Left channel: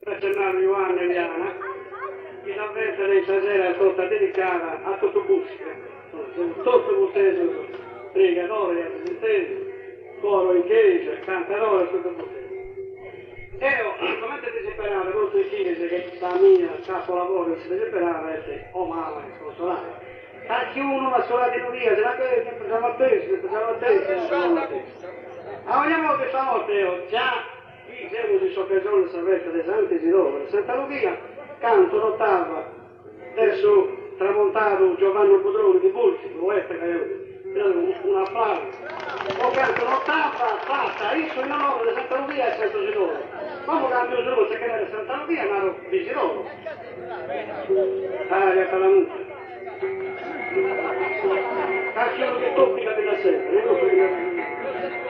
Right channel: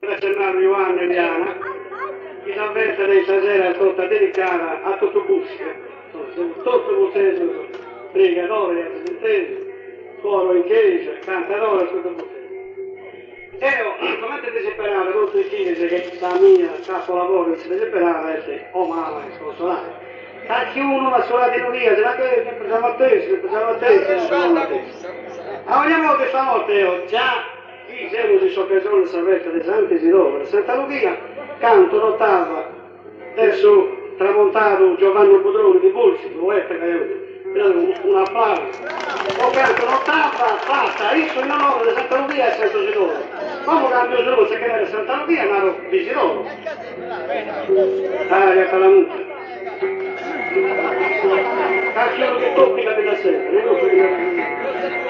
Giornale Ioanna Eliana, mi avverte di stasera tutta dedicata a tutto Busca, tutto il museo, pregatore, assistente, suono in chiesa, cantarone, tutto il museo. E come te desesperare, non si dice che la mia capolavoro si desesperare è umana e sconsolare. A chiuno una sola di via, se la che pensavo a te, se pensavo a te, se pensavo a te. A ogni volta stanotte io già siamo di Socchettone Salvezza dei Santi Isidoro, Santa Lucia, canto l'ottava verso tramontato Giovanni Bodroni di Pulci, un applauso. O canto l'ottava, fatta, io sono loro di Santa Lucia e Santa Isidoro. Come cambio giù se chiama di Santa Lucia, ma di Isidoro. Ah, che fa la mucca. Cacciano che tocchi la bella sera, non lo so.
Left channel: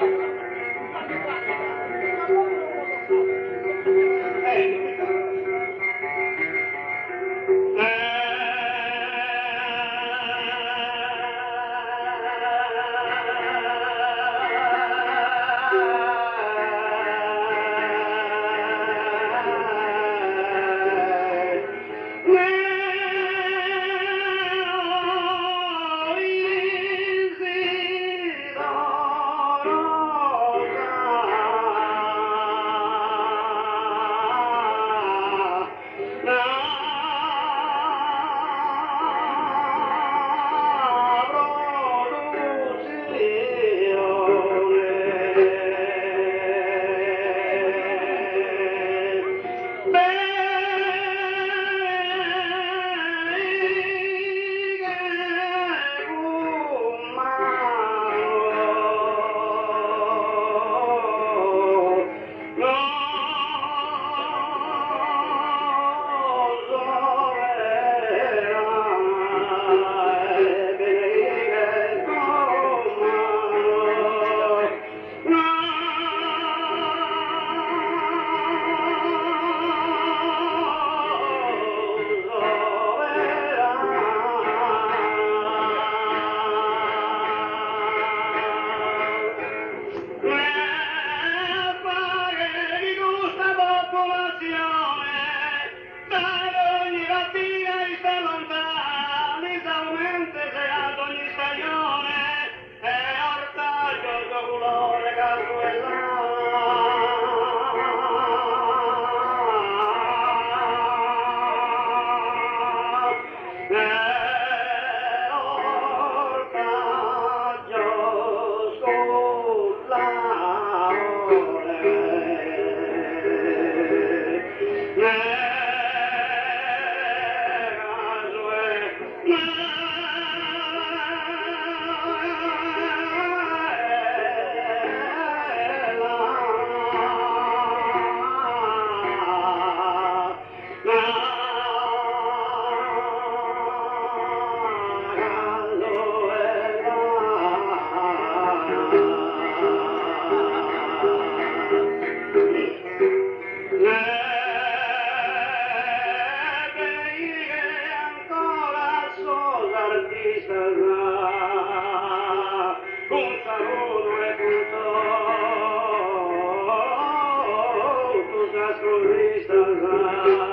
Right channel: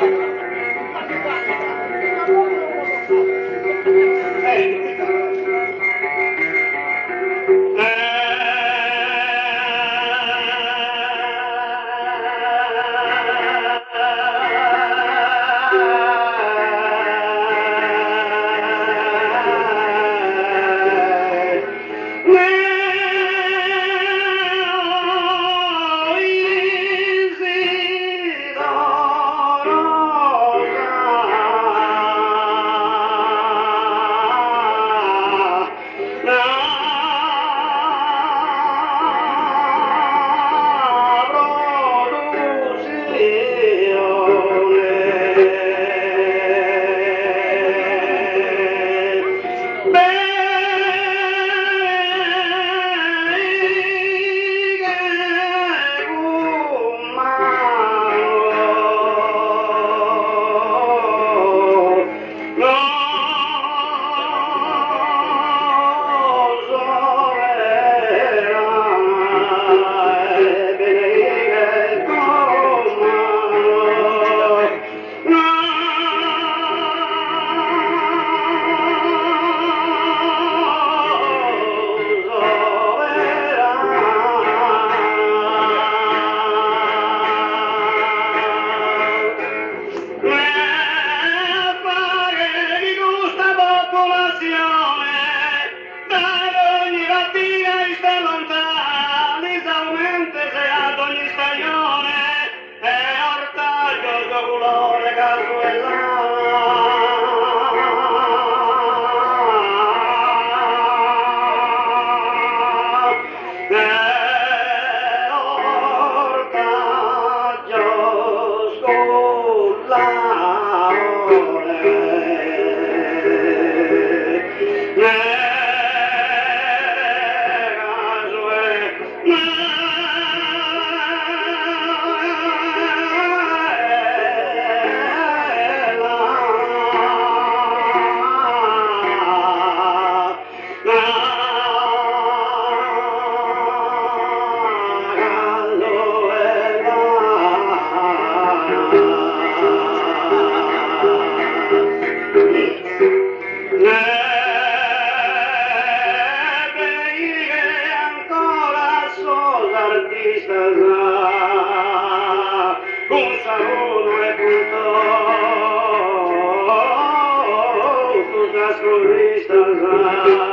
Sorrisa